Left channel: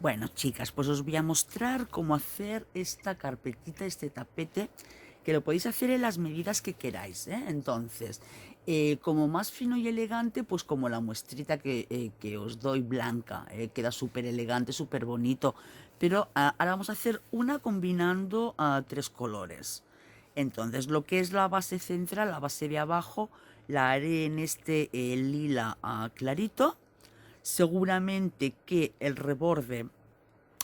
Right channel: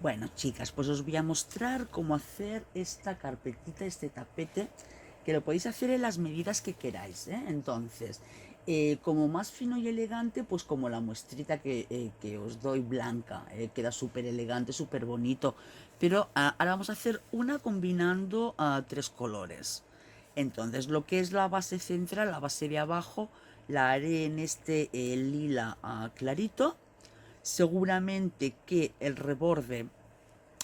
Bueno, chicas, pues os voy a mostrar cómo hacer esta carpetita, este tapete, que lo podéis hacer en las medidas que queráis, ¿eh? Entonces, como más fino y elegante, pues como la muestrita que os doy blanca, queda súper elegante, súper bonito. Pero ahora vamos a hacer una combinando tres colores. Entonces, lo que es la base central, la base de abajo, la haré en este lila clarito. Seguramente que el reborde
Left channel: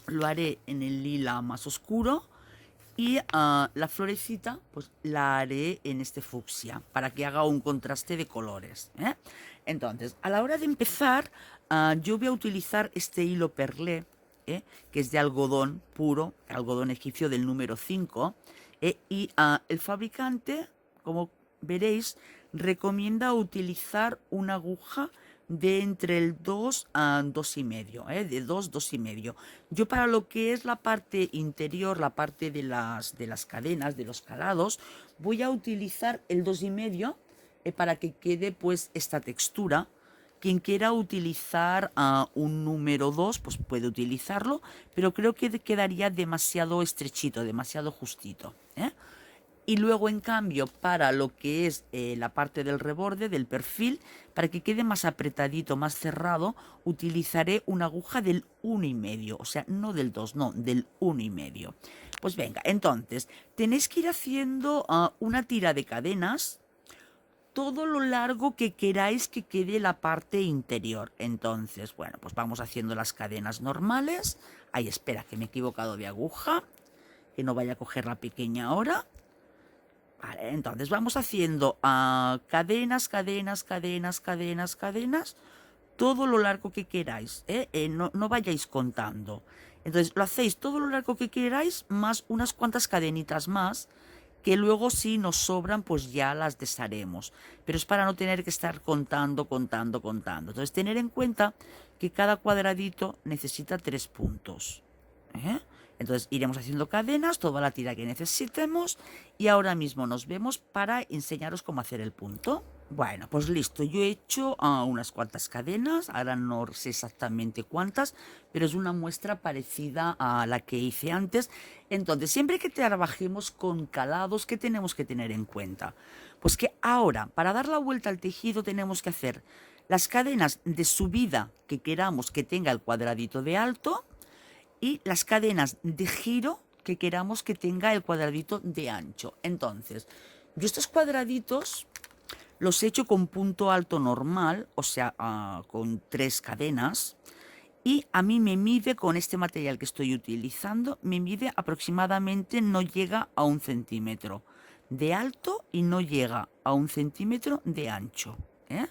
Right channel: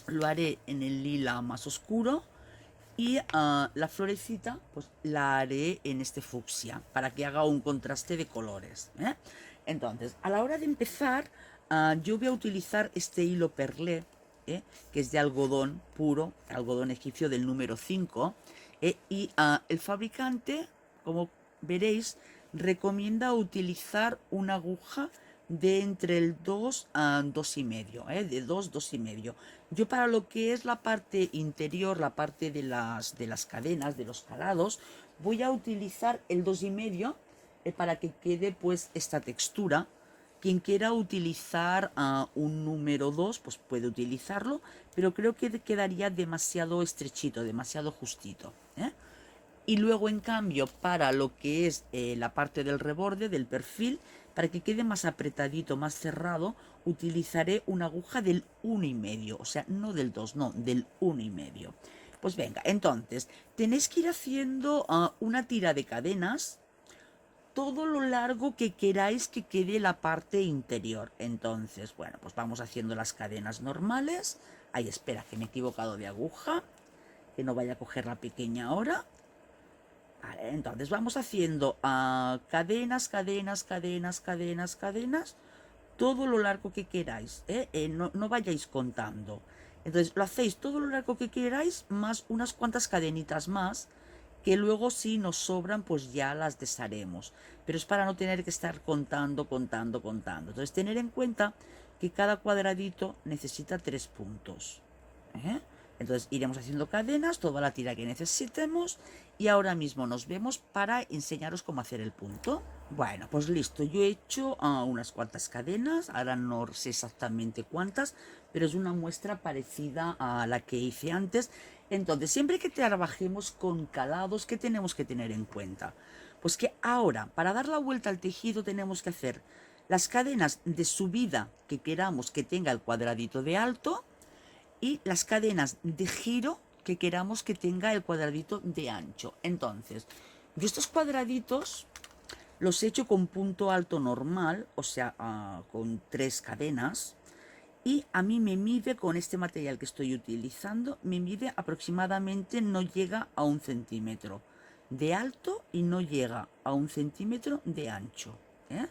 lo haré en el lila más oscuro y la florecita pues la haré en este fucsia para que haga un contraste de colores, ¿eh? Entonces, a la hora de empezar, yo voy a utilizar este hilo perlé, ¿eh? Que es de algodón puro, algodón egipcio del número 5, y el fabricante, como veréis, recomienda utilizar una aguja de entre el 2 a 2,5, de 2, 2,5. Yo para lo que es la parte interior, la parte de las cadenas, de los calados, voy a utilizar el 2,5 para que quede pues esta textura. Quien quiera utilizar un número 2 pues puede utilizarlo, pero creo que quedaría demasiado estrechito, demasiado justito, ¿eh? Y luego, en cambio, para lo que es la parte del reborde, del perfil, para que quede más apretadito, más cerrado, utilizaré una aguja del 1,5. O sea, no del 2, no, del 1,5. Pues venga, entonces, tenéis que ir haciendo una tira de cadenas todo lo largo que queráis que quede la parte interior. Entonces, bueno, pues vamos haciendo las cadenas normales. Ay, espera, que me he equivocado de aguja, que no vaya a coger la pequeña ahora. Vale, entonces vamos haciendo cadenas, cadenas, cadenas, cadenas, cadenas, todo lo largo que queráis, ¿eh? No, no vayáis contando. Entonces lo hacéis todo lo largo que queráis, más unas cuantas cadenitas más, que luego si nos sobran, pues ya las desharemos. Pero es para no tener que estar contando, contando, contando. Entonces tener en cuenta que cada cuadradito necesita 3 puntos, ¿eh? Entonces iremos haciendo cadenas, toda la tira que necesitemos, y ahora mismo nos vemos para enseñaros cómo hacer el punto. Bueno, pues listo, yo he hecho unas cuantas cadenas, ahora no sé exactamente cuántas, pero es una muestra parecida a la que hice antes. Entonces, siempre que trabajemos con calados, ¿qué tenemos que tener en cuenta? Pues que ahora, para dar la vuelta al tejido, tenemos que hacer las cadenas de subida que queramos que tenga el cuadradito de alto, y las cadenas de giro que queramos que tenga el cuadradito de ancho. Entonces, yo estos cuadraditos los he hecho con punto alto normal, o sea, con 3 cadenas. Y a mí me mide, con este material que estoy utilizando, me mide aproximadamente, no llega a 1 centímetro de alto y no llega a 1 centímetro de ancho, ¿eh?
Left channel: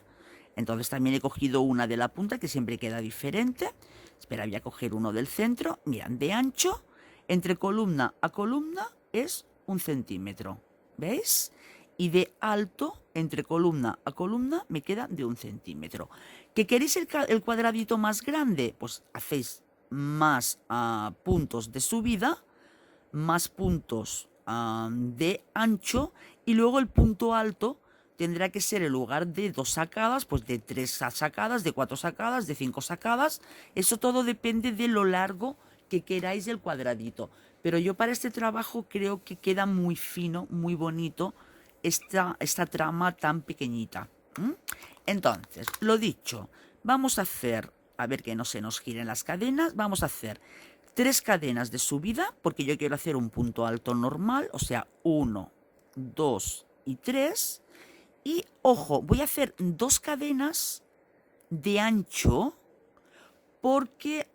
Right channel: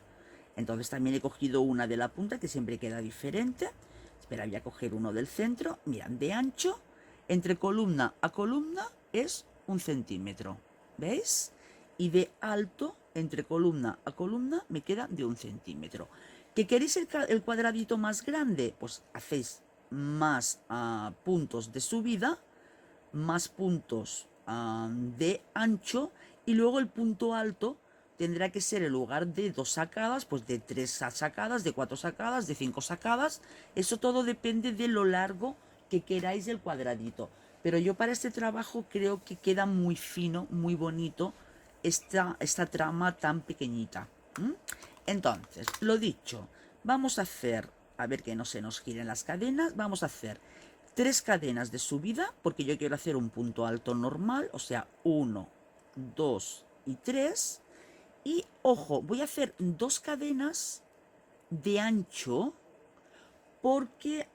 Entonces también he cogido una de la punta que siempre queda diferente. Espera, voy a coger uno del centro. Mirad, de ancho, entre columna a columna es 1 centímetro. ¿Veis? Y de alto, entre columna a columna, me queda de 1 centímetro. ¿Que queréis el cuadradito más grande? Pues hacéis más puntos de subida, más puntos de ancho, y luego el punto alto tendrá que ser, en lugar de 2 sacadas, pues de 3 sacadas, de 4 sacadas, de 5 sacadas. Eso todo depende de lo largo que queráis del cuadradito. Pero yo para este trabajo creo que queda muy fino, muy bonito esta trama tan pequeñita. Entonces, lo dicho, vamos a hacer, a ver que no se nos giren las cadenas, vamos a hacer 3 cadenas de subida, porque yo quiero hacer un punto alto normal, o sea, 1, 2 y 3. Y ojo, voy a hacer 2 cadenas de ancho, porque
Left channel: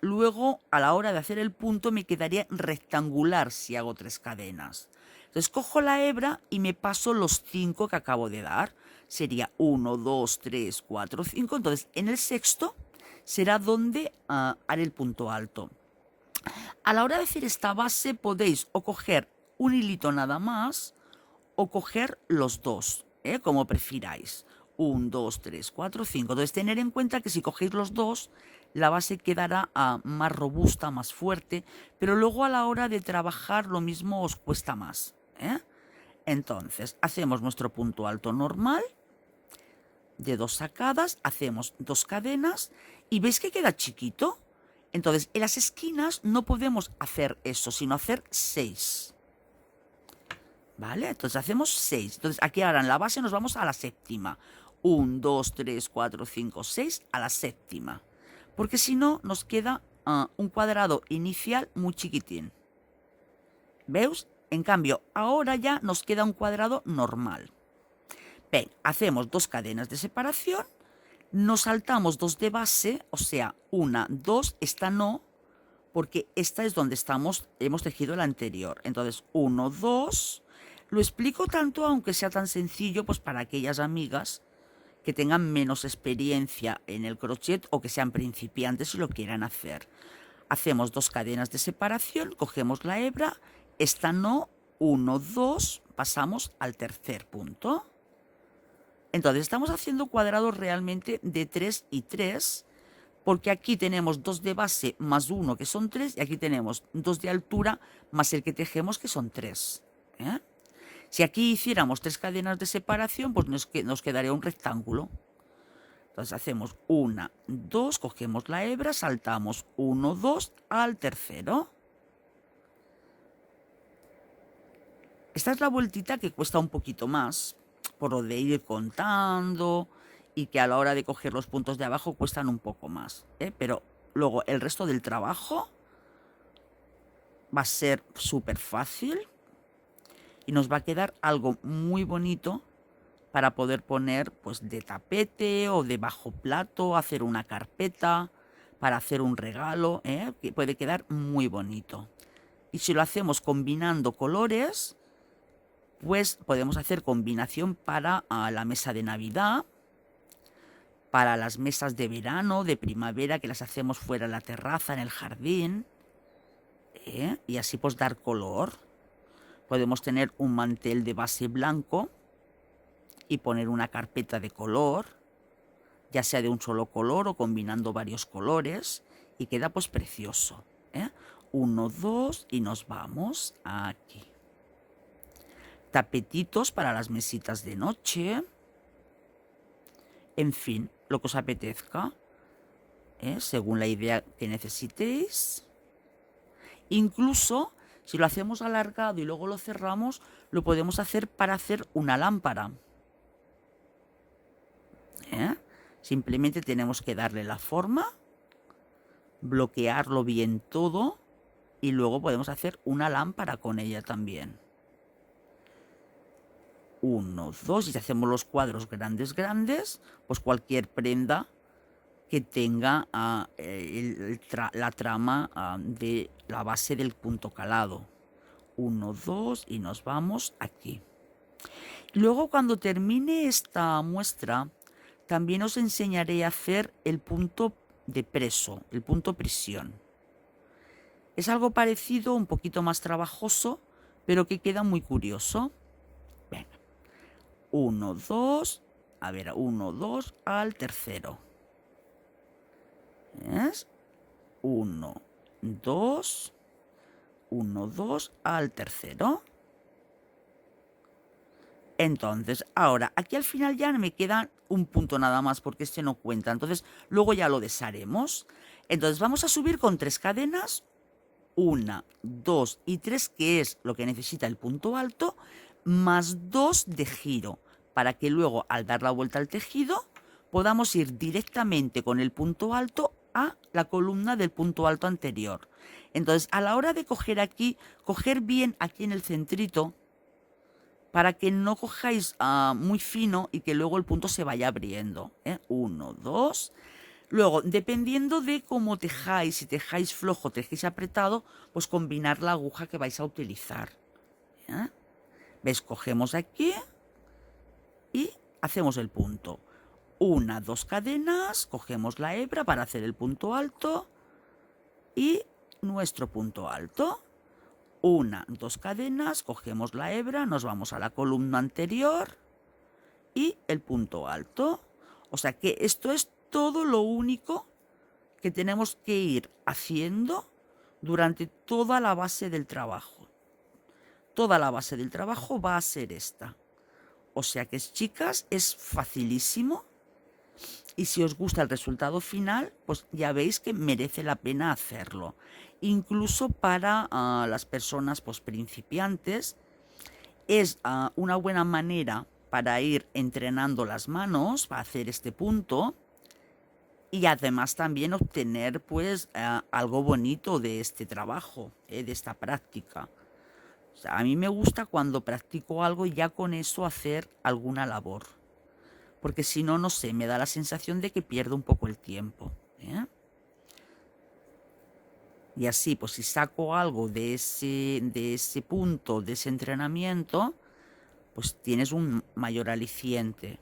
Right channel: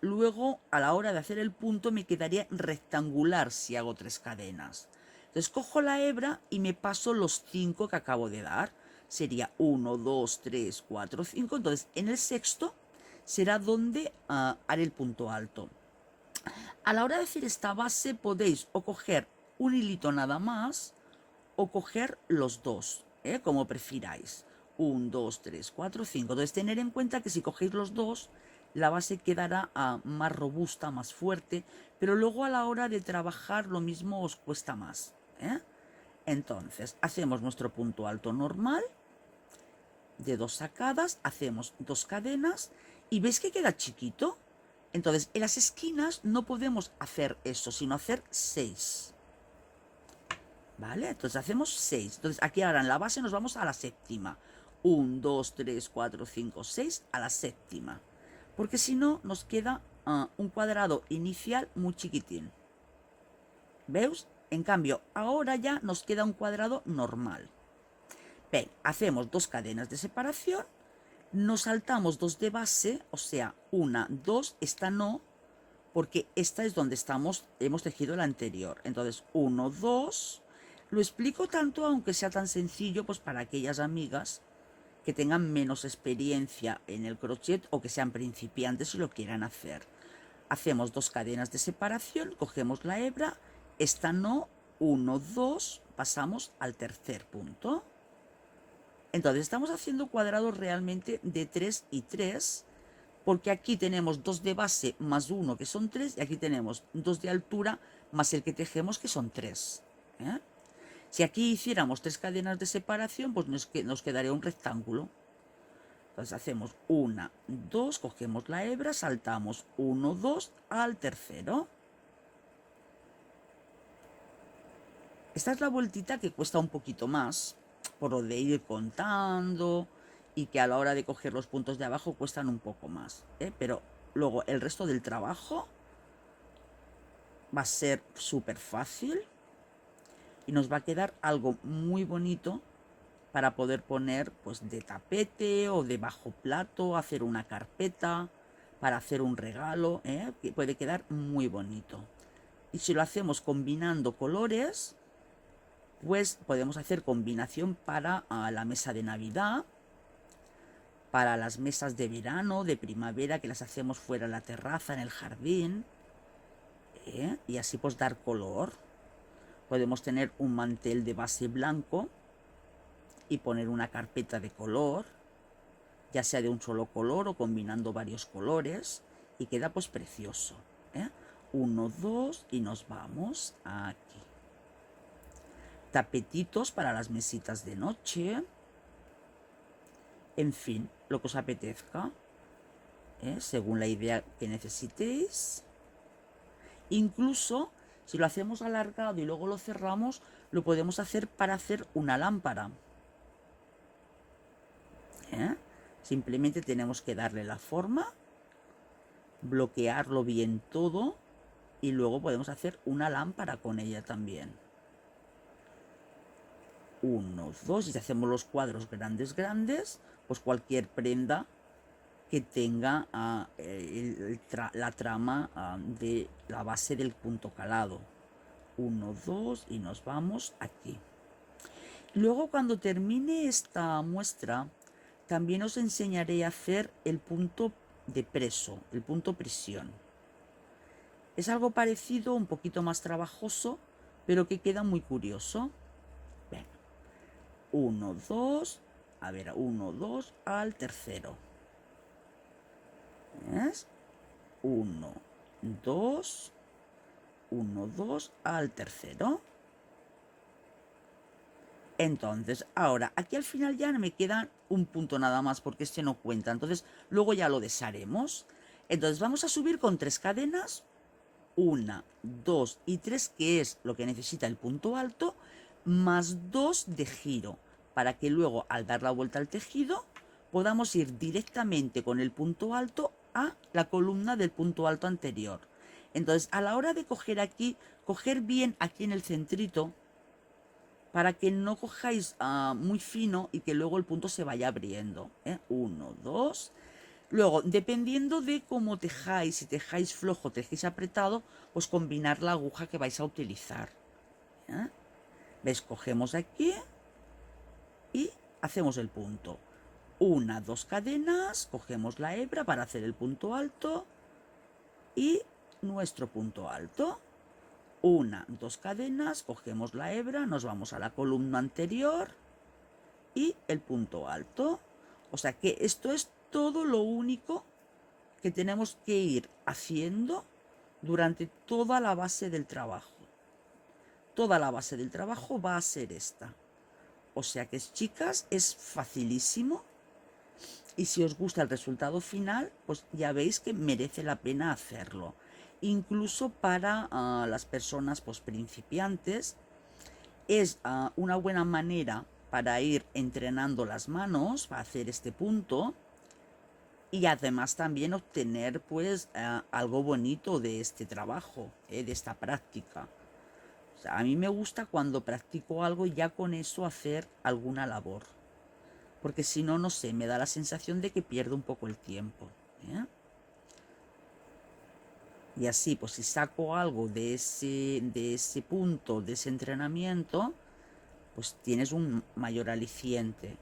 luego a la hora de hacer el punto me quedaría rectangular si hago 3 cadenas. Entonces cojo la hebra y me paso los 5 que acabo de dar. Sería 1, 2, 3, 4, 5. Entonces en el sexto será donde haré el punto alto. A la hora de hacer esta base podéis o coger un hilito nada más o coger los dos, como prefiráis. 1, 2, 3, 4, 5. Entonces tener en cuenta que si cogéis los dos, la base quedará más robusta, más fuerte, pero luego a la hora de trabajar lo mismo os cuesta más, ¿eh? Entonces hacemos nuestro punto alto normal de 2 sacadas, hacemos 2 cadenas y veis que queda chiquito. Entonces, en las esquinas no podemos hacer eso, sino hacer 6. ¿Vale? Entonces hacemos 6. Entonces aquí ahora en la base nos vamos a la séptima. 1, 2, 3, 4, 5, 6 a la séptima. Porque si no, nos queda un cuadrado inicial muy chiquitín. ¿Veis? En cambio, ahora ya nos queda un cuadrado normal. Ven, hacemos 2 cadenas de separación, nos saltamos 2 de base, o sea, 1, 2, esta no, porque esta es donde hemos tejido la anterior. Entonces, 1, 2, lo explico tanto, aunque sea tan sencillo, pues para aquellas amigas que tengan menos experiencia en el crochet o que sean principiantes y lo quieran hacer. Hacemos 2 cadenas de separación, cogemos la hebra, esta no, 1, 2, pasamos al tercer punto. Entonces estamos haciendo cuadrados realmente de 3 y 3, porque aquí tenemos 2 de base más 1 que son 3, y aquí tenemos 2 de altura más el que tejemos que son 3. Si aquí hiciéramos 3 cadenas de separación, pues nos quedaría un rectángulo. Entonces hacemos 1, 2, cogemos la hebra, saltamos 1, 2 al tercero. Esta es la vueltita que cuesta un poquito más, por lo de ir contando y que a la hora de coger los puntos de abajo cuestan un poco más. Pero luego el resto del trabajo va a ser súper fácil y nos va a quedar algo muy bonito para poder poner pues de tapete o de bajo plato, hacer una carpeta, para hacer un regalo, que puede quedar muy bonito. Y si lo hacemos combinando colores, pues podemos hacer combinación para la mesa de Navidad, para las mesas de verano, de primavera, que las hacemos fuera en la terraza, en el jardín, y así pues dar color. Podemos tener un mantel de base blanco y poner una carpeta de color, ya sea de un solo color o combinando varios colores, y queda pues precioso. 1, 2 y nos vamos aquí. Tapetitos para las mesitas de noche. En fin, lo que os apetezca, según la idea que necesitéis. Incluso, si lo hacemos alargado y luego lo cerramos, lo podemos hacer para hacer una lámpara. Simplemente tenemos que darle la forma, bloquearlo bien todo y luego podemos hacer una lámpara con ella también. 1, 2, y si hacemos los cuadros grandes, pues cualquier prenda que tenga la trama de la base del punto calado. 1, 2 y nos vamos aquí. Luego, cuando termine esta muestra, también os enseñaré a hacer el punto de preso, el punto prisión. Es algo parecido, un poquito más trabajoso, pero que queda muy curioso. 1, 2, a ver, 1, 2 al tercero. ¿Ves? 1, 2, 1, 2 al tercero. Entonces, ahora, aquí al final ya me queda un punto nada más, porque este no cuenta. Entonces, luego ya lo desharemos. Entonces, vamos a subir con 3 cadenas. 1, 2 y 3, que es lo que necesita el punto alto, más 2 de giro, para que luego al dar la vuelta al tejido podamos ir directamente con el punto alto a la columna del punto alto anterior. Entonces, a la hora de coger aquí, coger bien aquí en el centrito, para que no cojáis muy fino y que luego el punto se vaya abriendo. 1, 2. Luego, dependiendo de cómo tejáis, si tejáis flojo, tejáis apretado, pues combinar la aguja que vais a utilizar. ¿Ves? Cogemos aquí y hacemos el punto. 1, 2 cadenas, cogemos la hebra para hacer el punto alto y nuestro punto alto. 1, 2 cadenas, cogemos la hebra, nos vamos a la columna anterior y el punto alto. O sea que esto es todo lo único que tenemos que ir haciendo durante toda la base del trabajo. Toda la base del trabajo va a ser esta. O sea que, chicas, es facilísimo. Y si os gusta el resultado final, pues ya veis que merece la pena hacerlo. Incluso para las personas pues, principiantes, es una buena manera para ir entrenando las manos, para hacer este punto, y además también obtener pues algo bonito de este trabajo, de esta práctica. O sea, a mí me gusta cuando practico algo y ya con eso hacer alguna labor. Porque si no, no sé, me da la sensación de que pierdo un poco el tiempo. Y así, pues si saco algo de ese punto, de ese entrenamiento, pues tienes un mayor aliciente.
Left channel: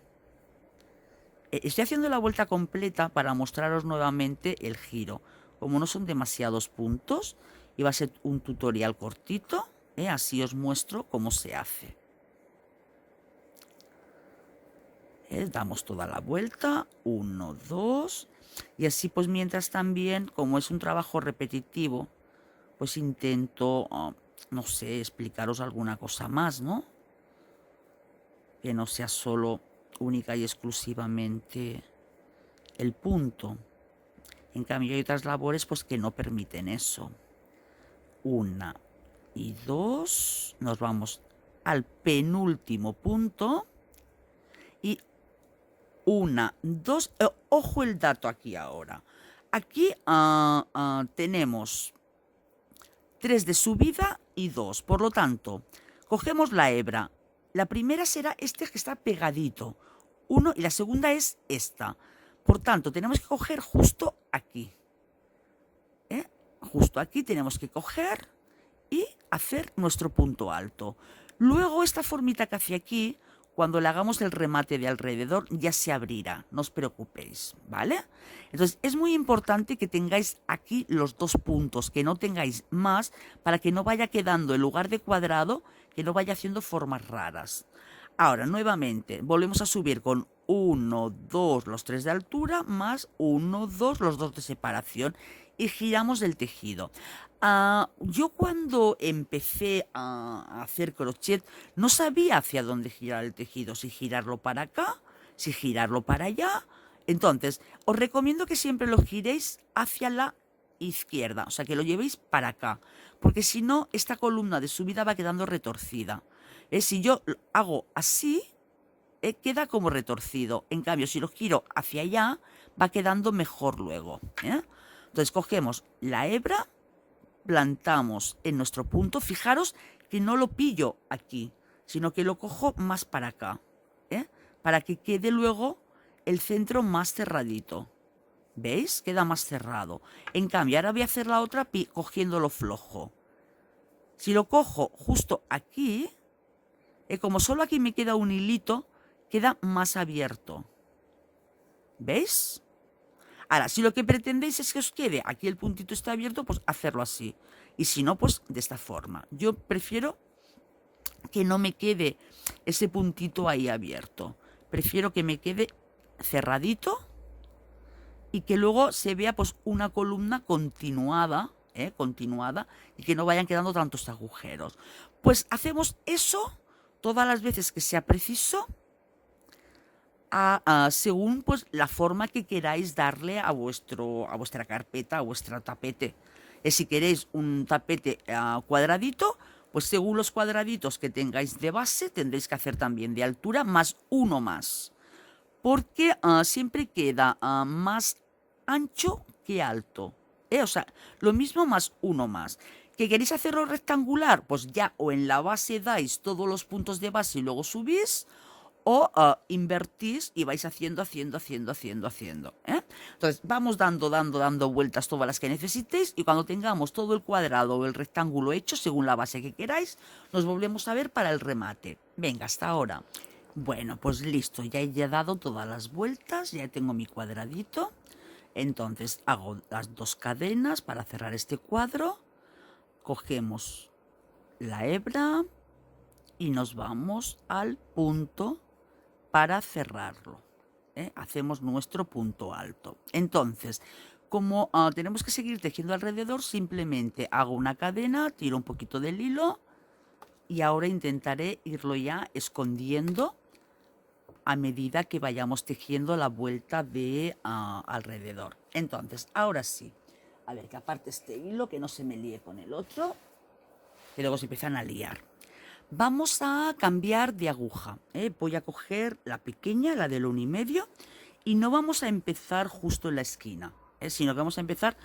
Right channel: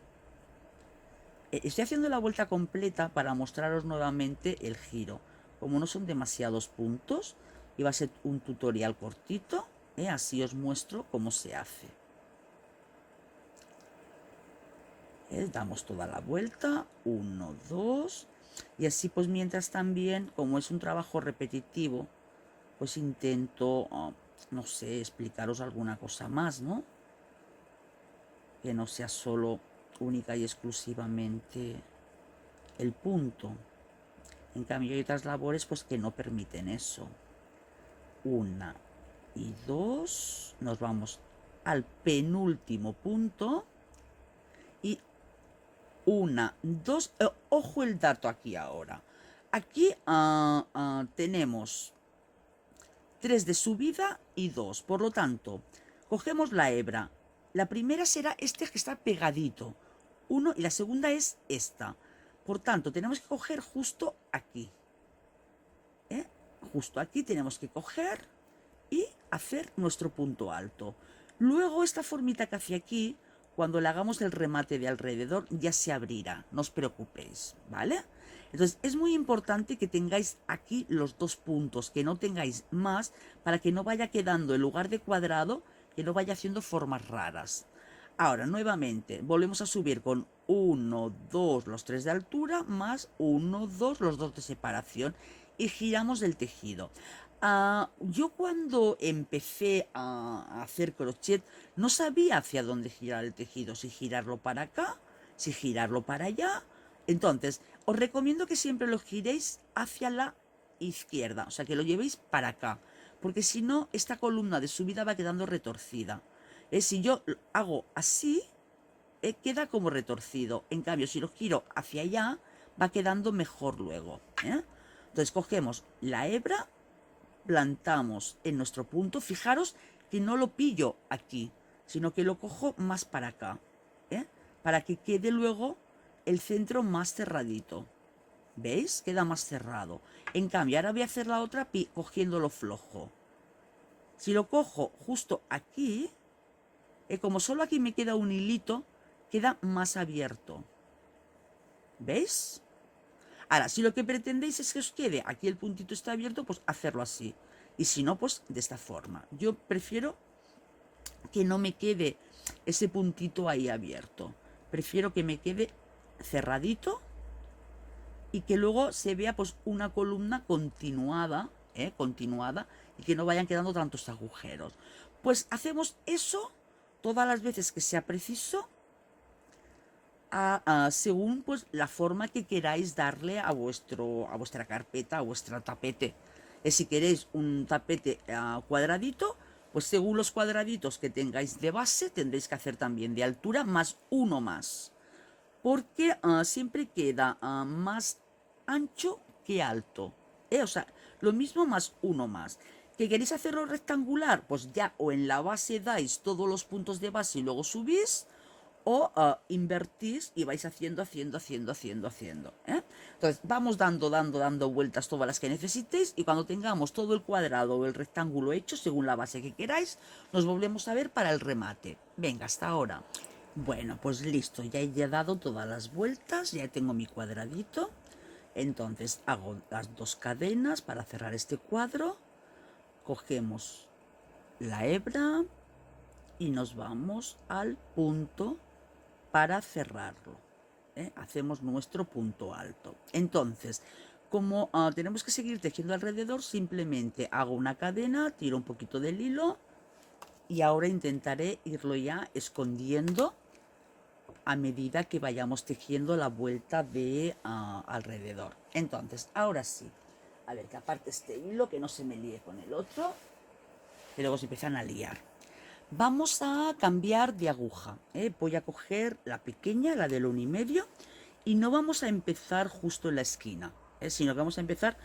Estoy haciendo la vuelta completa para mostraros nuevamente el giro. Como no son demasiados puntos, y va a ser un tutorial cortito, así os muestro cómo se hace. Damos toda la vuelta, 1, 2, y así pues mientras también, como es un trabajo repetitivo, pues intento, no sé, explicaros alguna cosa más, ¿no? Que no sea solo única y exclusivamente el punto. En cambio hay otras labores pues que no permiten eso. 1 y 2, nos vamos al penúltimo punto y 1, 2, ojo el dato aquí ahora. Aquí tenemos 3 de subida y 2, por lo tanto, cogemos la hebra. La primera será este que está pegadito, 1, y la segunda es esta. Por tanto, tenemos que coger justo aquí. Justo aquí tenemos que coger y hacer nuestro punto alto. Luego esta formita que hace aquí, cuando le hagamos el remate de alrededor, ya se abrirá, no os preocupéis, ¿vale? Entonces es muy importante que tengáis aquí los dos puntos, que no tengáis más, para que no vaya quedando en lugar de cuadrado, que no vaya haciendo formas raras. Ahora, nuevamente, volvemos a subir con 1, 2, los 3 de altura, más 1, 2, los 2 de separación, y giramos el tejido. Yo cuando empecé a hacer crochet no sabía hacia dónde girar el tejido, si girarlo para acá, si girarlo para allá. Entonces, os recomiendo que siempre lo giréis hacia la izquierda, o sea, que lo llevéis para acá, porque si no, esta columna de subida va quedando retorcida. Si yo hago así, queda como retorcido. En cambio, si lo giro hacia allá, va quedando mejor luego. Entonces cogemos la hebra, plantamos en nuestro punto. Fijaros que no lo pillo aquí, sino que lo cojo más para acá, para que quede luego el centro más cerradito. ¿Veis? Queda más cerrado. En cambio, ahora voy a hacer la otra cogiéndolo flojo. Si lo cojo justo aquí, como solo aquí me queda un hilito, queda más abierto. ¿Veis? Ahora, si lo que pretendéis es que os quede aquí el puntito está abierto, pues hacerlo así. Y si no, pues de esta forma. Yo prefiero que no me quede ese puntito ahí abierto. Prefiero que me quede cerradito y que luego se vea pues una columna continuada, continuada, y que no vayan quedando tantos agujeros. Pues hacemos eso todas las veces que sea preciso, según pues la forma que queráis darle a vuestra carpeta, a vuestro tapete. Si queréis un tapete cuadradito, pues según los cuadraditos que tengáis de base, tendréis que hacer también de altura más uno más. Porque siempre queda más ancho que alto. O sea, lo mismo más uno más. ¿Que queréis hacerlo rectangular? Pues ya o en la base dais todos los puntos de base y luego subís, o invertís y vais haciendo. Entonces vamos dando vueltas todas las que necesitéis, y cuando tengamos todo el cuadrado o el rectángulo hecho, según la base que queráis, nos volvemos a ver para el remate. Venga, hasta ahora. Bueno, pues listo, ya he dado todas las vueltas, ya tengo mi cuadradito. Entonces hago las dos cadenas para cerrar este cuadro. Cogemos la hebra y nos vamos al punto para cerrarlo. Hacemos nuestro punto alto. Entonces, como tenemos que seguir tejiendo alrededor, simplemente hago una cadena, tiro un poquito del hilo y ahora intentaré irlo ya escondiendo a medida que vayamos tejiendo la vuelta de alrededor. Entonces, ahora sí, a ver, que aparte este hilo, que no se me líe con el otro, que luego se empiezan a liar. Vamos a cambiar de aguja, ¿eh? Voy a coger la pequeña, la del 1,5, y no vamos a empezar justo en la esquina, sino que vamos a empezar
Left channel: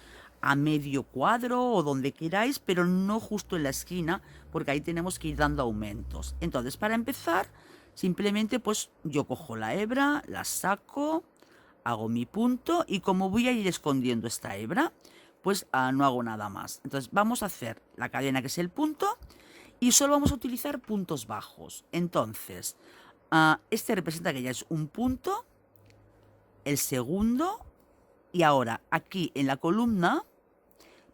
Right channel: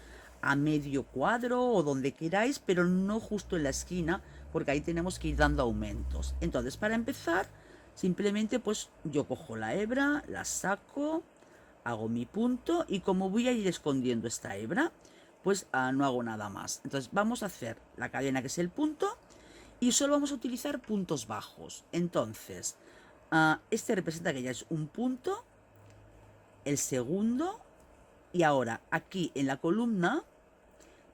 a medio cuadro o donde queráis, pero no justo en la esquina, porque ahí tenemos que ir dando aumentos. Entonces, para empezar, simplemente pues yo cojo la hebra, la saco, hago mi punto, y como voy a ir escondiendo esta hebra, pues no hago nada más. Entonces vamos a hacer la cadena, que es el punto, y solo vamos a utilizar puntos bajos. Entonces, este representa que ya es un punto, el segundo, y ahora aquí en la columna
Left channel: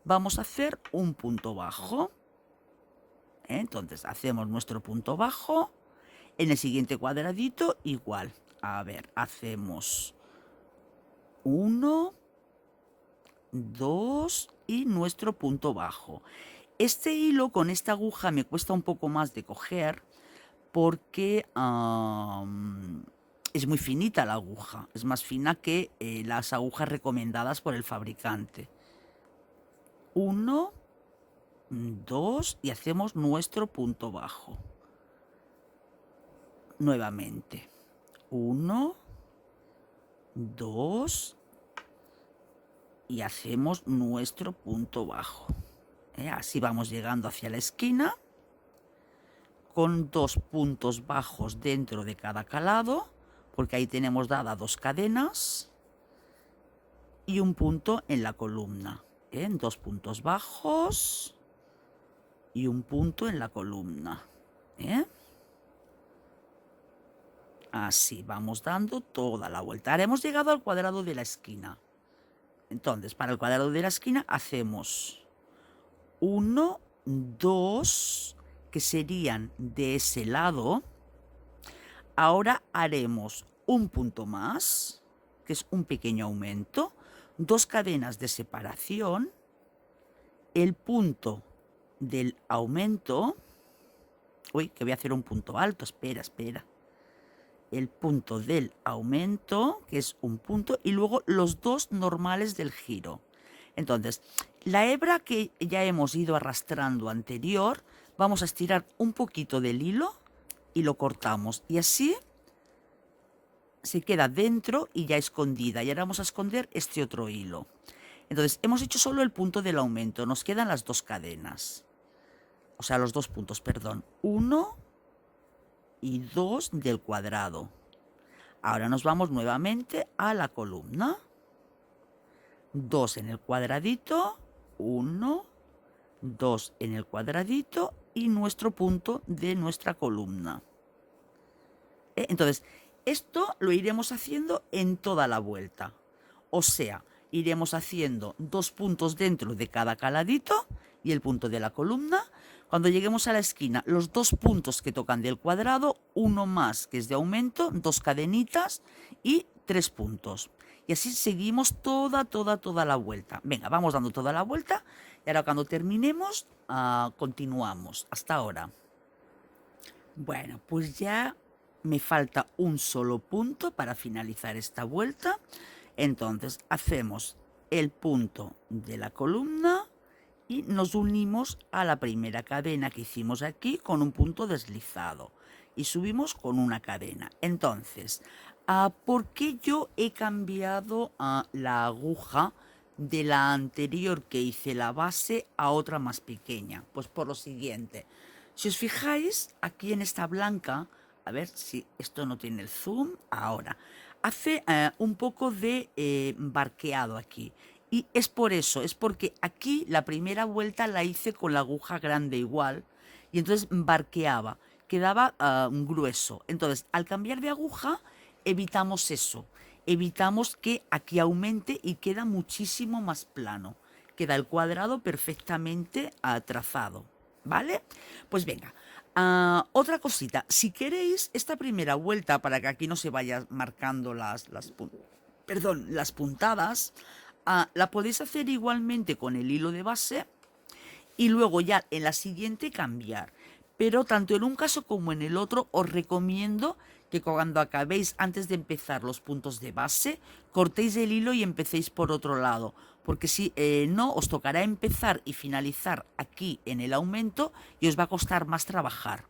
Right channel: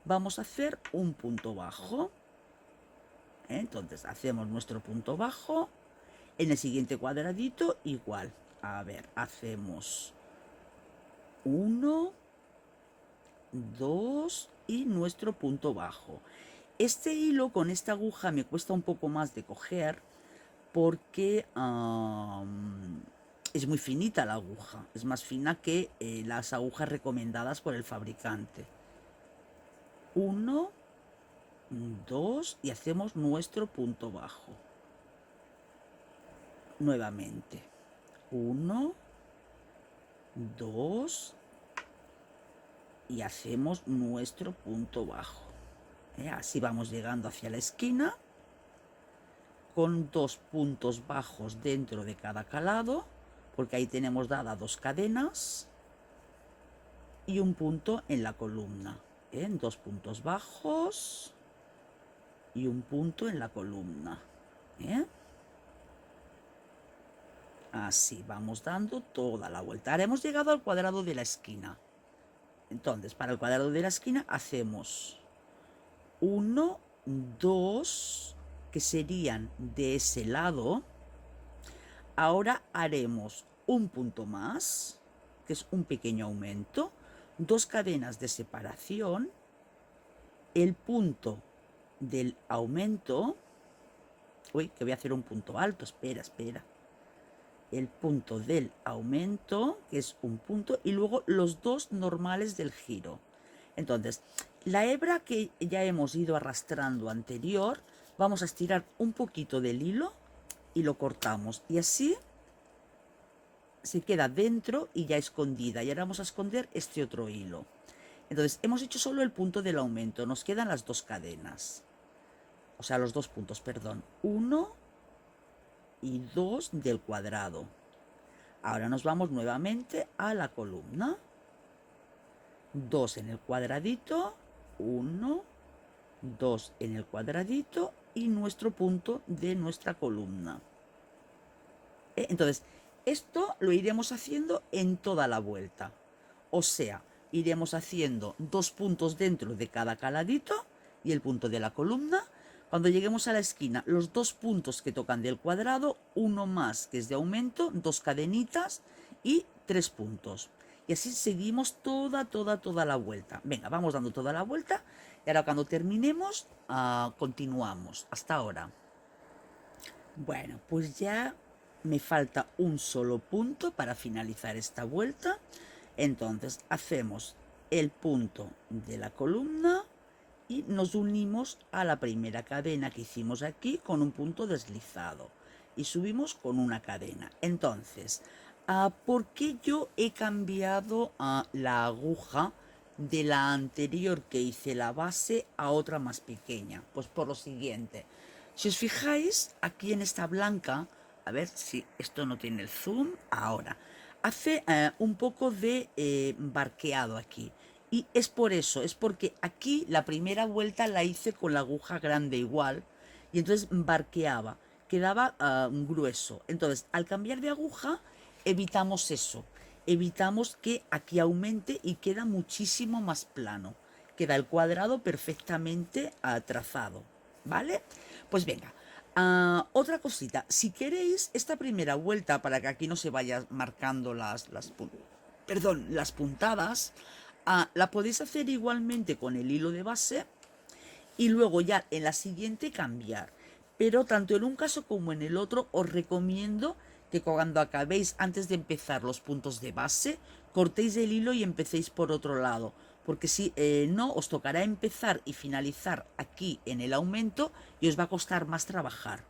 vamos a hacer un punto bajo. Entonces hacemos nuestro punto bajo. En el siguiente cuadradito igual. A ver, hacemos 1, 2 y nuestro punto bajo. Este hilo con esta aguja me cuesta un poco más de coger porque es muy finita la aguja. Es más fina que las agujas recomendadas por el fabricante. 1, 2 y hacemos nuestro punto bajo. Nuevamente. 1, 2 y hacemos nuestro punto bajo. Así vamos llegando hacia la esquina con 2 puntos bajos dentro de cada calado, porque ahí tenemos dadas 2 cadenas y un punto en la columna. 2 puntos bajos y un punto en la columna. Así vamos dando toda la vuelta. Ahora hemos llegado al cuadrado de la esquina. Entonces, para el cuadrado de la esquina hacemos 1, 2, que serían de ese lado. Ahora haremos un punto más, que es un pequeño aumento, 2 cadenas de separación, el punto del aumento. Uy, que voy a hacer un punto alto, espera. El punto del aumento, que es un punto, y luego los 2 normales del giro. Entonces, la hebra que ya hemos ido arrastrando anterior, vamos a estirar un poquito del hilo y lo cortamos. Y así se queda dentro y ya escondida. Y ahora vamos a esconder este otro hilo. Entonces, hemos hecho solo el punto del aumento. Nos quedan las 2 cadenas. O sea, los 2 puntos, perdón. 1 y 2 del cuadrado. Ahora nos vamos nuevamente a la columna. 2 en el cuadradito, 1, 2 en el cuadradito y nuestro punto de nuestra columna. Entonces, esto lo iremos haciendo en toda la vuelta. O sea, iremos haciendo 2 puntos dentro de cada caladito y el punto de la columna. Cuando lleguemos a la esquina, los 2 puntos que tocan del cuadrado, uno más que es de aumento, 2 cadenitas y 3 puntos. Y así seguimos toda la vuelta. Venga, vamos dando toda la vuelta y ahora cuando terminemos, continuamos. Hasta ahora. Bueno, pues ya me falta un solo punto para finalizar esta vuelta. Entonces hacemos el punto de la columna y nos unimos a la primera cadena que hicimos aquí con un punto deslizado y subimos con una cadena. Entonces, ¿por qué yo he cambiado la aguja de la anterior que hice la base a otra más pequeña? Pues por lo siguiente. Si os fijáis, aquí en esta blanca, a ver si esto no tiene el zoom, ahora, hace un poco de barqueado aquí. Y es por eso, es porque aquí la primera vuelta la hice con la aguja grande igual, y entonces barqueaba, quedaba grueso. Entonces, al cambiar de aguja, evitamos eso, evitamos que aquí aumente y queda muchísimo más plano. Queda el cuadrado perfectamente trazado, ¿vale? Pues venga, otra cosita, si queréis esta primera vuelta, para que aquí no se vayan marcando las puntadas, la podéis hacer igualmente con el hilo de base y luego ya en la siguiente cambiar. Pero tanto en un caso como en el otro os recomiendo que cuando acabéis, antes de empezar los puntos de base, cortéis el hilo y empecéis por otro lado, porque si no, os tocará empezar y finalizar aquí en el aumento y os va a costar más trabajar.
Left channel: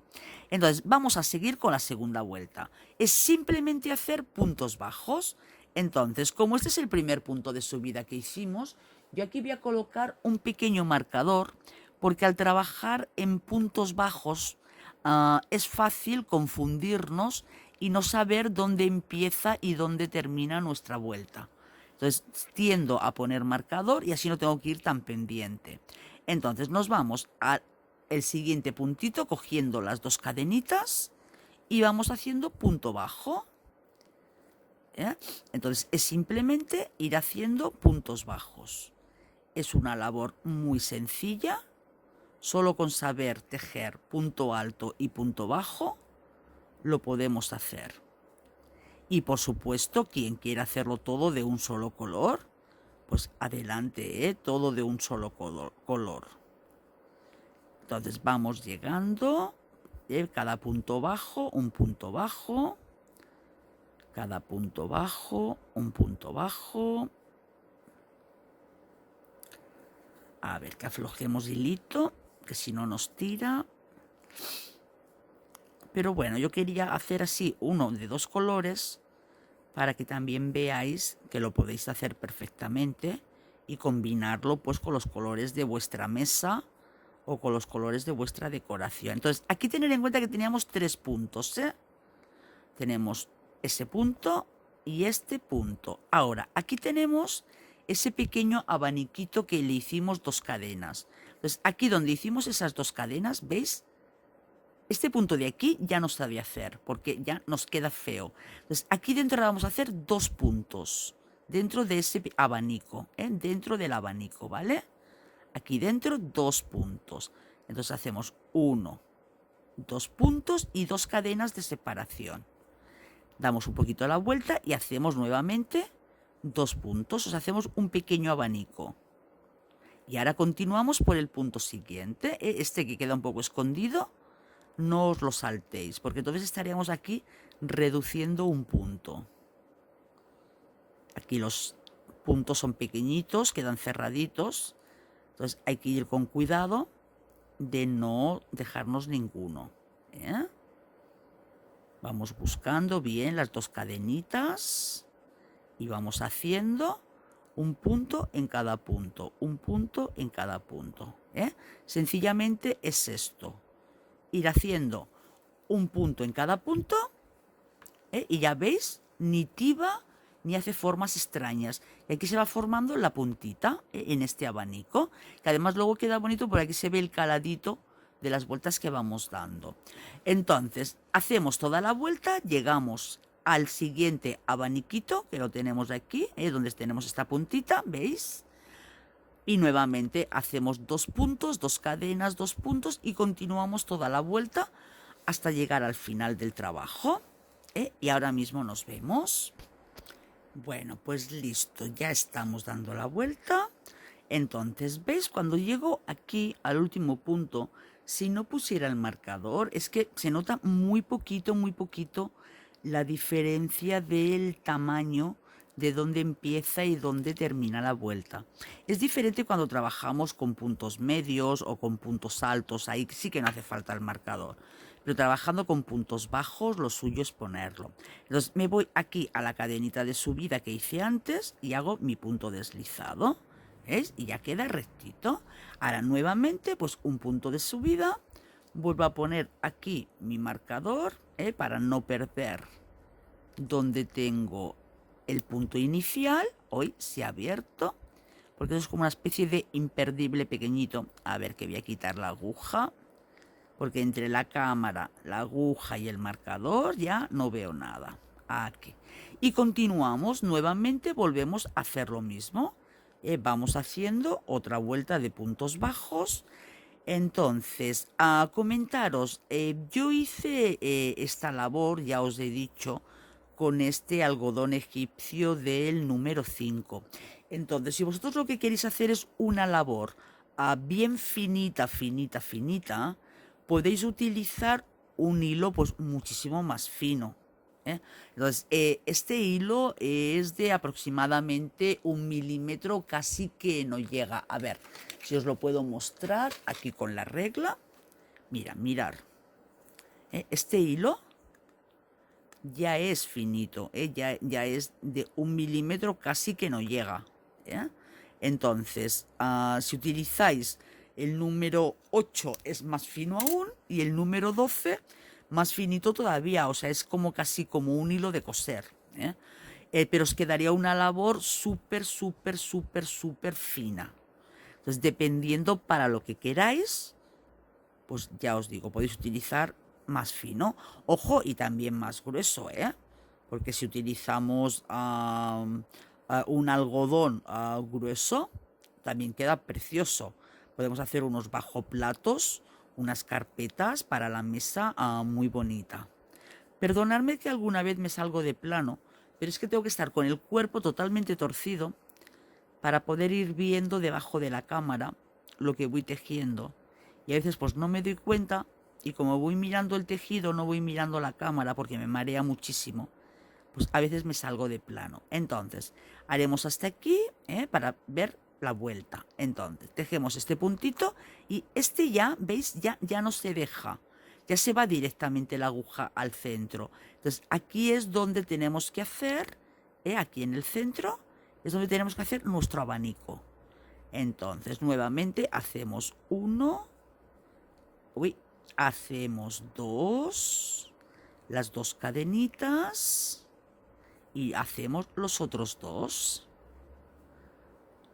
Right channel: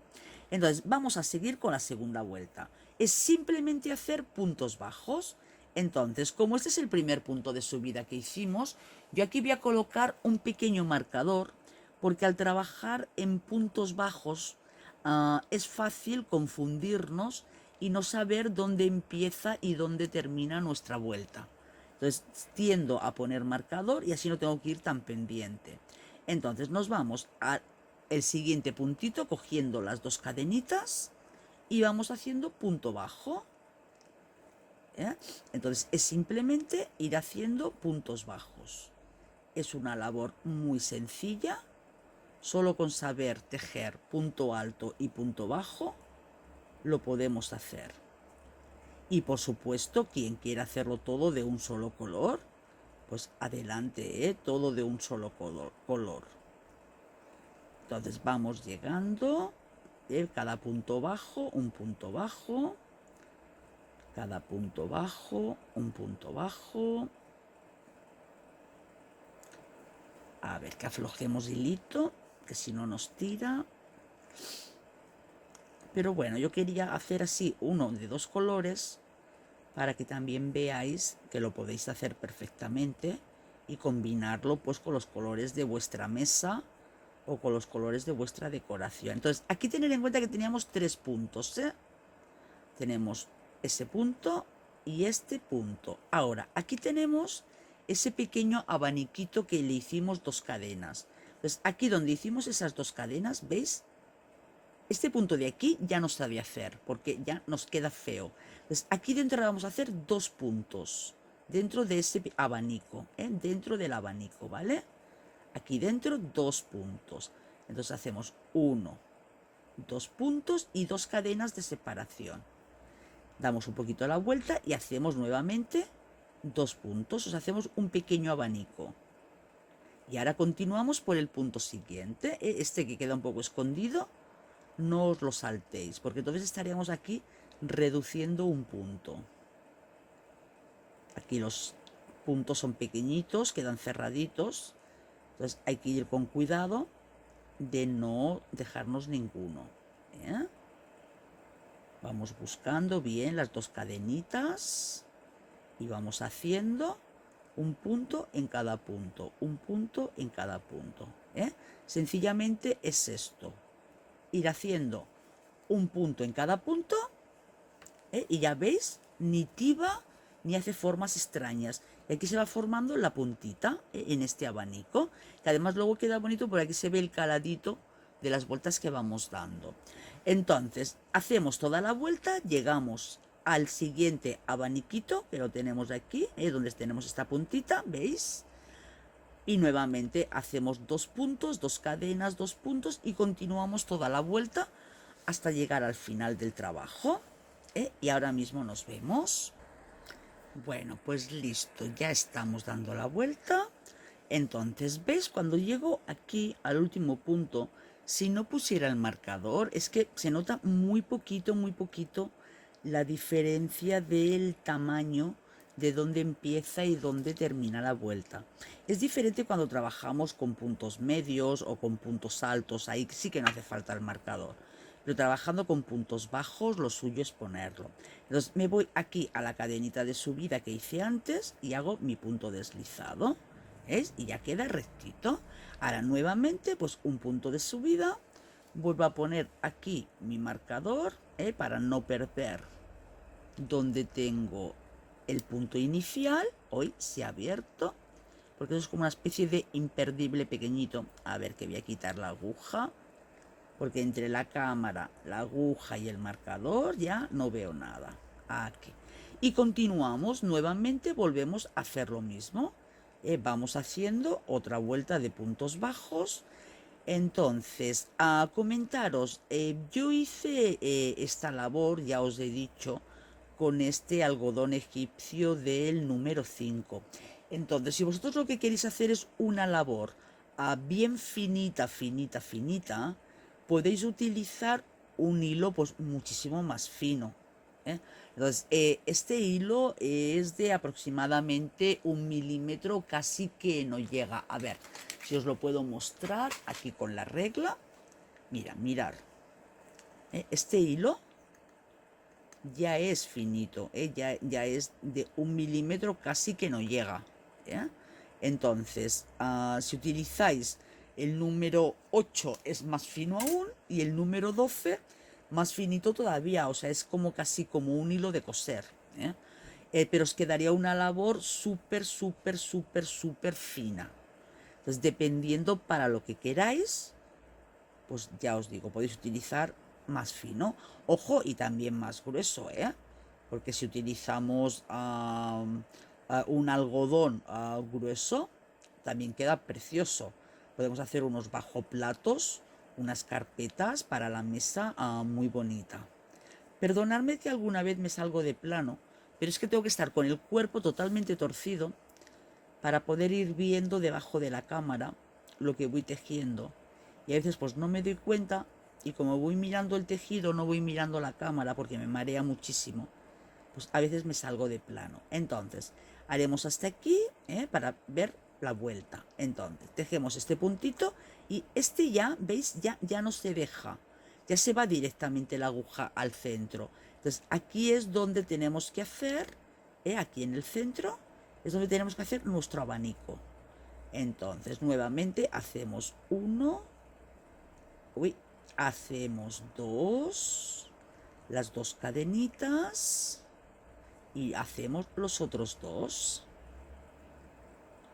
Entonces, vamos a seguir con la segunda vuelta. Es simplemente hacer puntos bajos. Entonces, como este es el primer punto de subida que hicimos, yo aquí voy a colocar un pequeño marcador, porque al trabajar en puntos bajos es fácil confundirnos y no saber dónde empieza y dónde termina nuestra vuelta. Entonces tiendo a poner marcador y así no tengo que ir tan pendiente. Entonces nos vamos al siguiente puntito cogiendo las dos cadenitas y vamos haciendo punto bajo. ¿Eh? Entonces es simplemente ir haciendo puntos bajos. Es una labor muy sencilla. Solo con saber tejer punto alto y punto bajo lo podemos hacer. Y por supuesto, quien quiera hacerlo todo de un solo color, pues adelante, todo de un solo color. Entonces vamos llegando, cada punto bajo, un punto bajo, cada punto bajo, un punto bajo. A ver, que aflojemos hilito, que si no nos tira. Pero bueno, yo quería hacer así uno de dos colores para que también veáis que lo podéis hacer perfectamente y combinarlo pues con los colores de vuestra mesa o con los colores de vuestra decoración. Entonces, aquí tener en cuenta que teníamos 3 puntos, ¿eh? Tenemos ese punto y este punto. Ahora, aquí tenemos ese pequeño abaniquito que le hicimos 2 cadenas. Entonces, aquí donde hicimos esas 2 cadenas, ¿veis? Este punto de aquí ya no se ha de hacer, porque ya nos queda feo. Entonces, aquí dentro vamos a hacer 2 puntos, dentro de ese abanico, dentro del abanico, ¿vale? Aquí dentro 2 puntos. Entonces hacemos 1, 2 puntos y 2 cadenas de separación. Damos un poquito la vuelta y hacemos nuevamente 2 puntos, o sea, hacemos un pequeño abanico. Y ahora continuamos por el punto siguiente, este que queda un poco escondido. No os lo saltéis, porque entonces estaríamos aquí reduciendo un punto. Aquí los puntos son pequeñitos, quedan cerraditos, entonces hay que ir con cuidado de no dejarnos ninguno. Vamos buscando bien las 2 cadenitas y vamos haciendo un punto en cada punto, un punto en cada punto. Sencillamente es esto. Ir haciendo un punto en cada punto, y ya veis, ni tiba ni hace formas extrañas. Y aquí se va formando la puntita en este abanico, que además luego queda bonito porque aquí se ve el caladito de las vueltas que vamos dando. Entonces, hacemos toda la vuelta, llegamos al siguiente abaniquito, que lo tenemos aquí, donde tenemos esta puntita, ¿veis? Y nuevamente hacemos 2 puntos, 2 cadenas, 2 puntos y continuamos toda la vuelta hasta llegar al final del trabajo. Y ahora mismo nos vemos. Bueno, pues listo, ya estamos dando la vuelta. Entonces, ¿ves? Cuando llego aquí al último punto, si no pusiera el marcador, es que se nota muy poquito la diferencia del tamaño de dónde empieza y dónde termina la vuelta. Es diferente cuando trabajamos con puntos medios o con puntos altos, ahí sí que no hace falta el marcador. Pero trabajando con puntos bajos, lo suyo es ponerlo. Entonces me voy aquí a la cadenita de subida que hice antes y hago mi punto deslizado. ¿Veis? Y ya queda rectito. Ahora nuevamente, pues un punto de subida. Vuelvo a poner aquí mi marcador, para no perder donde tengo el punto inicial. Hoy se ha abierto, porque eso es como una especie de imperdible pequeñito. A ver, que voy a quitar la aguja, porque entre la cámara, la aguja y el marcador ya no veo nada. Aquí. Y continuamos nuevamente, volvemos a hacer lo mismo. Vamos haciendo otra vuelta de puntos bajos. Entonces, a comentaros, yo hice esta labor, ya os he dicho, con este algodón egipcio del número 5. Entonces, si vosotros lo que queréis hacer es una labor bien finita, podéis utilizar un hilo pues muchísimo más fino. ¿eh? Entonces, este hilo es de aproximadamente 1 milímetro, casi que no llega. A ver, si os lo puedo mostrar aquí con la regla. Mira, mirar. Este hilo ya es finito, ya es de 1 milímetro, casi que no llega. ¿Eh? Entonces, si utilizáis el número 8 es más fino aún y el número 12 más finito todavía, o sea, es como casi como un hilo de coser. ¿Eh? Pero os quedaría una labor súper, súper, súper, súper fina. Entonces, dependiendo para lo que queráis, pues ya os digo, podéis utilizar más fino. Ojo, y también más grueso, ¿eh? Porque si utilizamos un algodón grueso, también queda precioso. Podemos hacer unos bajo platos, unas carpetas para la mesa muy bonita. Perdonadme que alguna vez me salgo de plano, pero es que tengo que estar con el cuerpo totalmente torcido para poder ir viendo debajo de la cámara lo que voy tejiendo. Y a veces pues no me doy cuenta y como voy mirando el tejido no voy mirando la cámara porque me marea muchísimo. Pues a veces me salgo de plano. Entonces, haremos hasta aquí para ver la vuelta. Entonces, tejemos este puntito y este ya, ¿veis? Ya no se deja. Ya se va directamente la aguja al centro. Entonces, aquí es donde tenemos que hacer, aquí en el centro, es donde tenemos que hacer nuestro abanico. Entonces, nuevamente hacemos uno, hacemos dos, las dos cadenitas y hacemos los otros dos.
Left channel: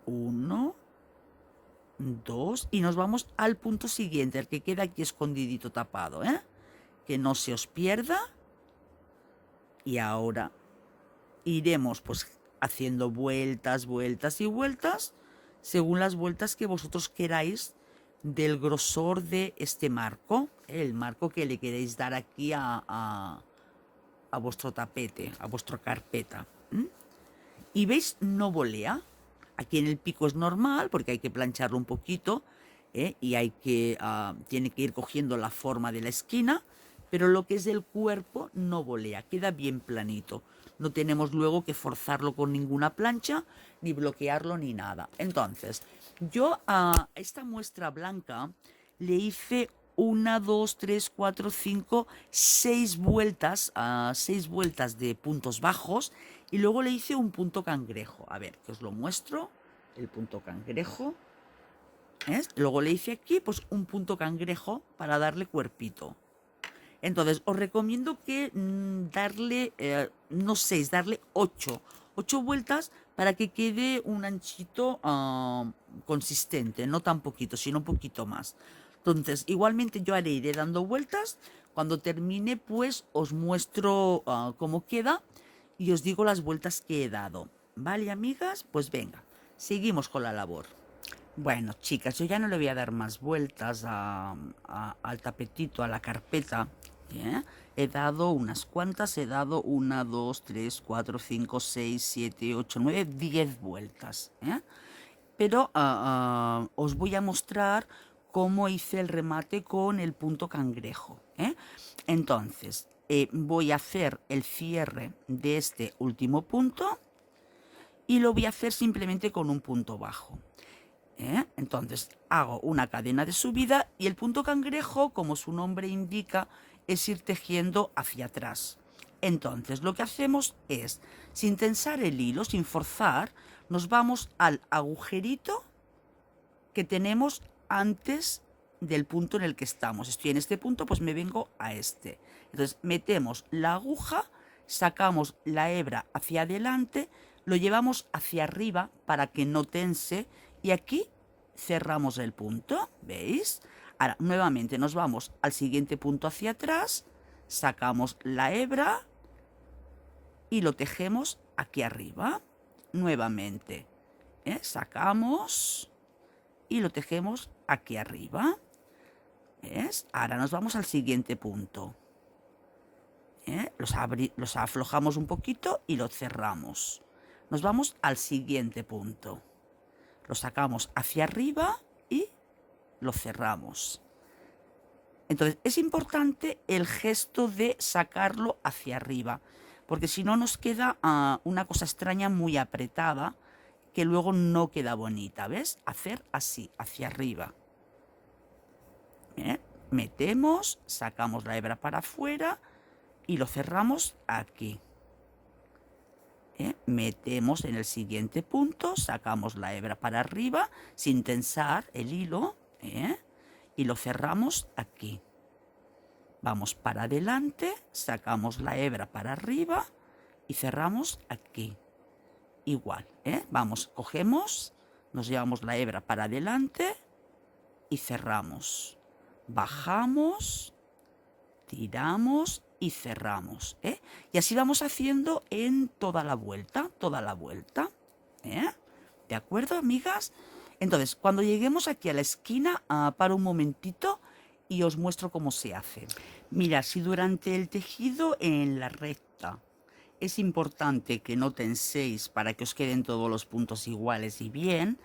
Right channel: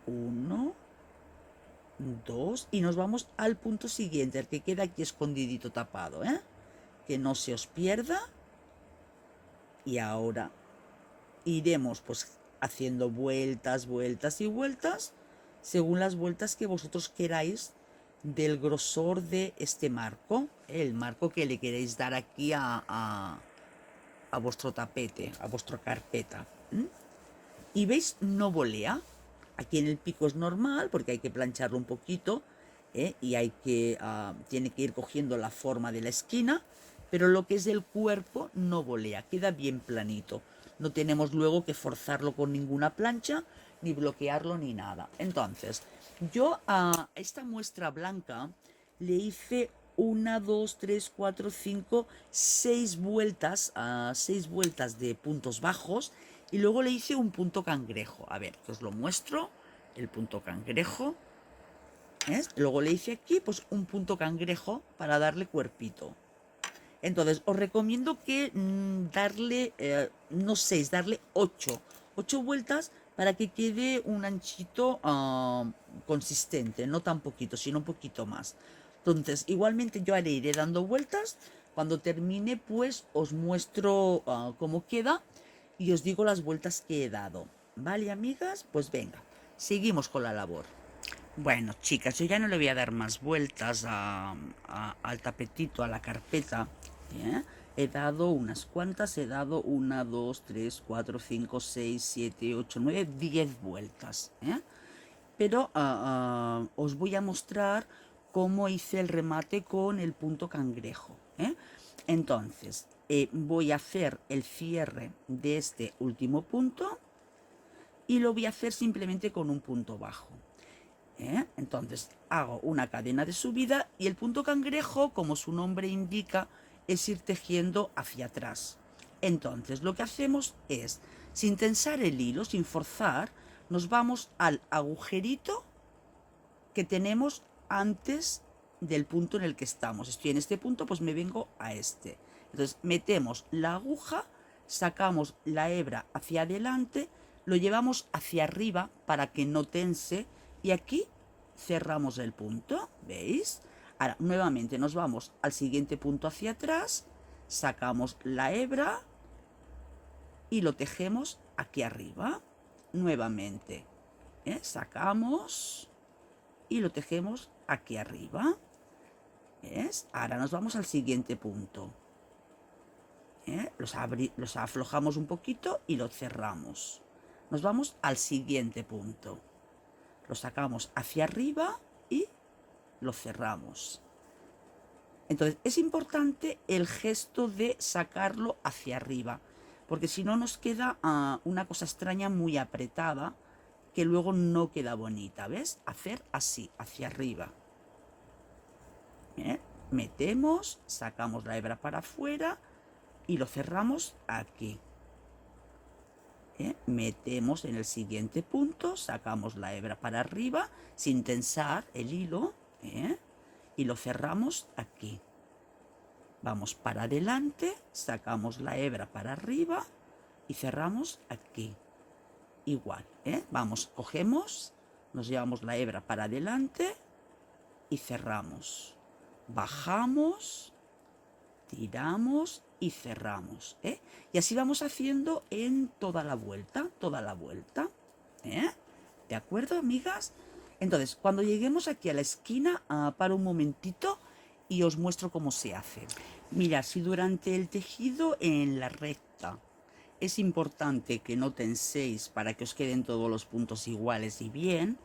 Uno, dos y nos vamos al punto siguiente, el que queda aquí escondidito tapado, que no se os pierda. Y ahora iremos pues haciendo vueltas, vueltas y vueltas según las vueltas que vosotros queráis del grosor de este marco, el marco que le queréis dar aquí a vuestro tapete, a vuestra carpeta. Y veis, no volea. Aquí en el pico es normal porque hay que plancharlo un poquito y tiene que ir cogiendo la forma de la esquina, pero lo que es el cuerpo no volea, queda bien planito. No tenemos luego que forzarlo con ninguna plancha, ni bloquearlo ni nada. Entonces, yo a esta muestra blanca le hice 6 vueltas de puntos bajos y luego le hice un punto cangrejo. A ver, que os lo muestro, el punto cangrejo. ¿Ves? Luego le hice aquí pues un punto cangrejo para darle cuerpito. Entonces, os recomiendo que darle, no 6, darle 8 vueltas para que quede un anchito consistente, no tan poquito, sino un poquito más. Entonces, igualmente yo iré dando vueltas. Cuando termine, pues os muestro cómo queda y os digo las vueltas que he dado. ¿Vale, amigas? Pues venga, seguimos con la labor. Bueno, chicas, yo ya no le voy a dar más vueltas al tapetito, a la carpeta. ¿Eh? He dado unas cuantas, he dado 1, 2, 3, 4, 5, 6, 7, 8, 9, 10 vueltas. Pero os voy a mostrar cómo hice el remate con el punto cangrejo. Entonces, voy a hacer el cierre de este último punto y lo voy a hacer simplemente con un punto bajo. Entonces hago una cadena de subida y el punto cangrejo, como su nombre indica, es ir tejiendo hacia atrás. Entonces lo que hacemos es, sin tensar el hilo, sin forzar, nos vamos al agujerito que tenemos antes del punto en el que estamos. Estoy en este punto, pues me vengo a este. Entonces metemos la aguja, sacamos la hebra hacia adelante, lo llevamos hacia arriba para que no tense y aquí cerramos el punto, ¿veis? Ahora nuevamente nos vamos al siguiente punto hacia atrás, sacamos la hebra y lo tejemos aquí arriba. Nuevamente, sacamos y lo tejemos aquí arriba. ¿Ves? Ahora nos vamos al siguiente punto. Los aflojamos un poquito y lo cerramos. Nos vamos al siguiente punto. Lo sacamos hacia arriba y lo cerramos. Entonces es importante el gesto de sacarlo hacia arriba. porque si no nos queda una cosa extraña muy apretada, que luego no queda bonita, ¿ves? Hacer así, hacia arriba. ¿Eh? Metemos, sacamos la hebra para afuera y lo cerramos aquí. Metemos en el siguiente punto, sacamos la hebra para arriba sin tensar el hilo y lo cerramos aquí. Vamos para adelante, sacamos la hebra para arriba y cerramos aquí. Igual, vamos, cogemos, nos llevamos la hebra para adelante y cerramos. Bajamos, tiramos y cerramos, y así vamos haciendo en toda la vuelta, ¿de acuerdo, amigas? Entonces, cuando lleguemos aquí a la esquina, paro un momentito y os muestro cómo se hace. Mira, si durante el tejido en la recta es importante que no tenséis para que os queden todos los puntos iguales y bien,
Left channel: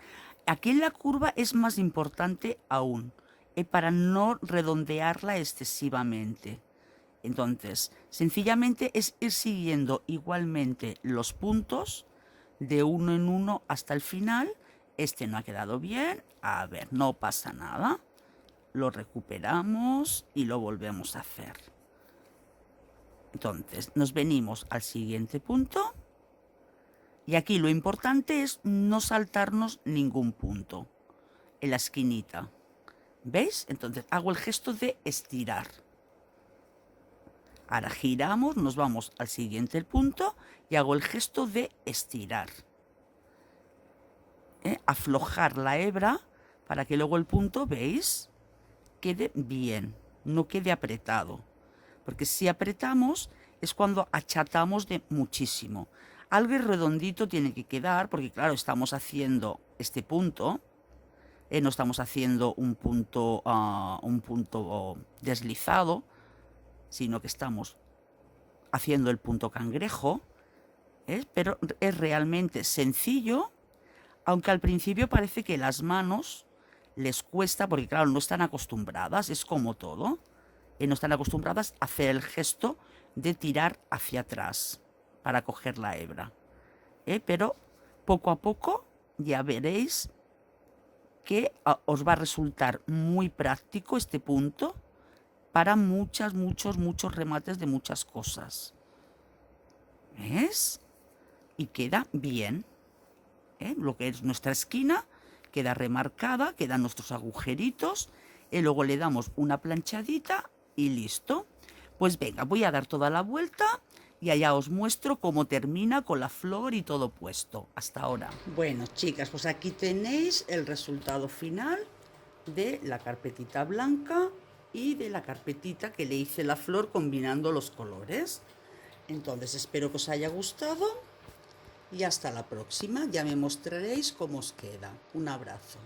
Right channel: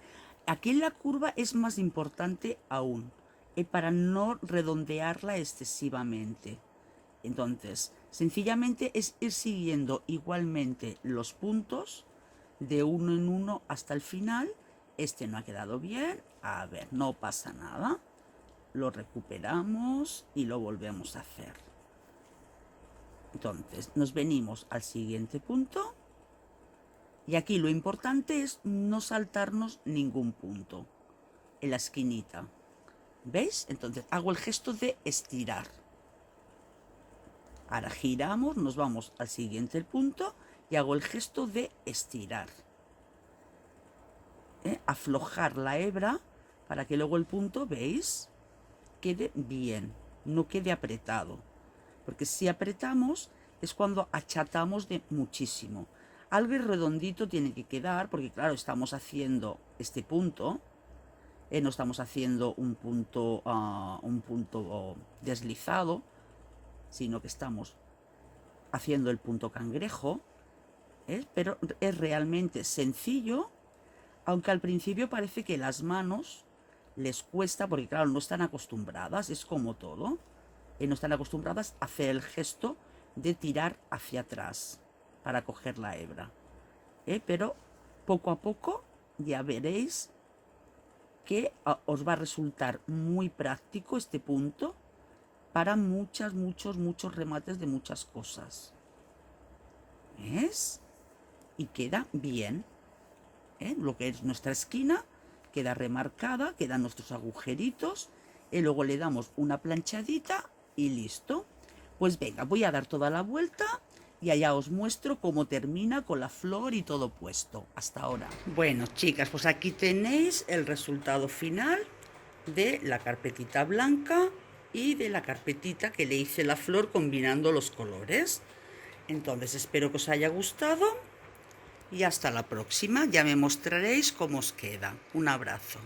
aquí en la curva es más importante aún, para no redondearla excesivamente. Entonces, sencillamente es ir siguiendo igualmente los puntos de uno en uno hasta el final. Este no ha quedado bien, a ver, no pasa nada. Lo recuperamos y lo volvemos a hacer. Entonces, nos venimos al siguiente punto. Y aquí lo importante es no saltarnos ningún punto en la esquinita. ¿Veis? Entonces, hago el gesto de estirar. Ahora giramos, nos vamos al siguiente punto y hago el gesto de estirar. Aflojar la hebra para que luego el punto, ¿veis?, quede bien, no quede apretado. Porque si apretamos es cuando achatamos de muchísimo. Algo redondito tiene que quedar, porque claro, estamos haciendo este punto, no estamos haciendo un punto deslizado, sino que estamos haciendo el punto cangrejo, pero es realmente sencillo, aunque al principio parece que las manos les cuesta, porque claro, no están acostumbradas, es como todo, no están acostumbradas a hacer el gesto de tirar hacia atrás para coger la hebra, pero poco a poco ya veréis que os va a resultar muy práctico este punto para muchos remates de muchas cosas. ¿Ves? Y queda bien. Lo que es nuestra esquina queda remarcada, quedan nuestros agujeritos, y luego le damos una planchadita y listo. Pues venga, voy a dar toda la vuelta y allá os muestro cómo termina con la flor y todo puesto. Hasta ahora. Bueno, chicas, pues aquí tenéis el resultado final de la carpetita blanca y de la carpetita que le hice la flor combinando los colores. Entonces espero que os haya gustado y hasta la próxima. Ya me mostraréis cómo os queda. Un abrazo.